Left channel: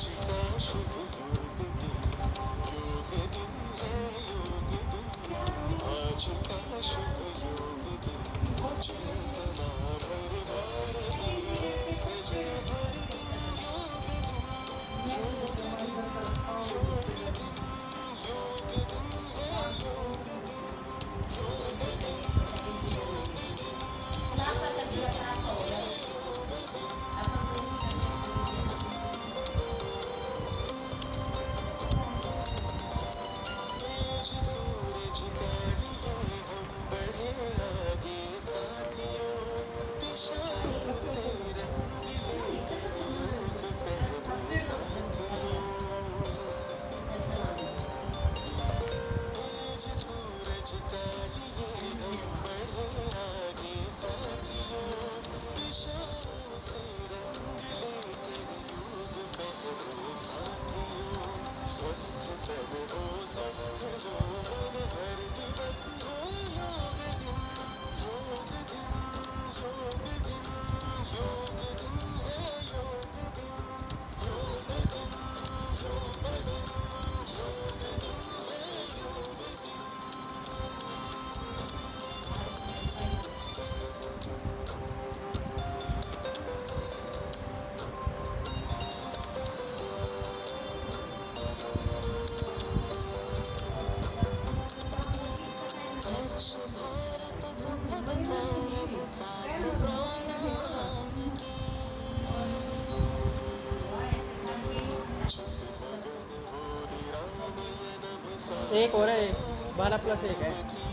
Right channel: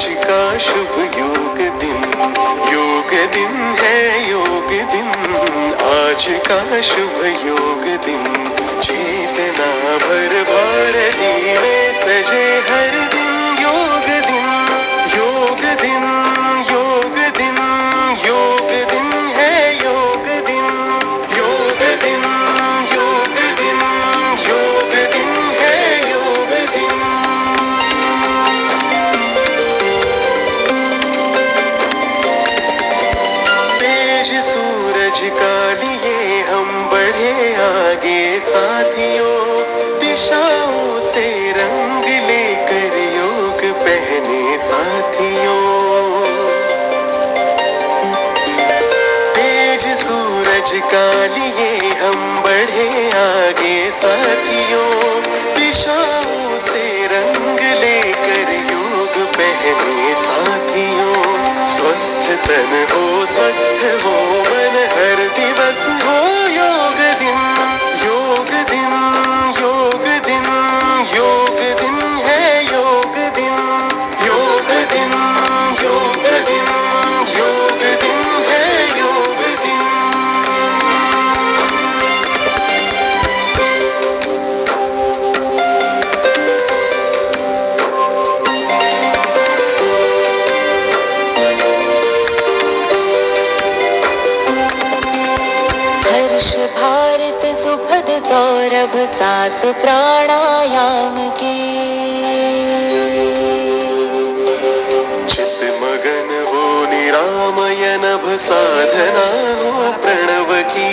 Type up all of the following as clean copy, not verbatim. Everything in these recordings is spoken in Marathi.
आज का शुभ योग दिन है योग दिन। आज का शुभ योग दिन, चेतना भर भारती में सजे हर दिन। योग दिन योग दिन योग दिन योग दिन है योग दिन। योग दिन योग दिन योग दिन है योग दिन। तेज सूरज का लिए हम बढ़े आगे साथियों, दिशाओं से रंग लेकर योग पहने साथियों। तेज सूरज का लिए हम बढ़े आगे साथियों, दिशाओं से रंग लेकर योग पहने साथियों। स्वस्थ तन हो स्वस्थ हो मन, हर दिवस हो योग दिन। योग दिन योग दिन योग दिन है योग दिन। योग दिन योग दिन योग दिन है योग दिन। हर्ष भारत सुखद सौरभ सांस प्राणायाम की। चित मगन हो निरामय नभ, साधना हो प्रणव की।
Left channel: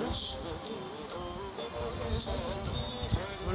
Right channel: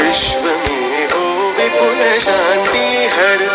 विश्व में हो विपुल शांति, हर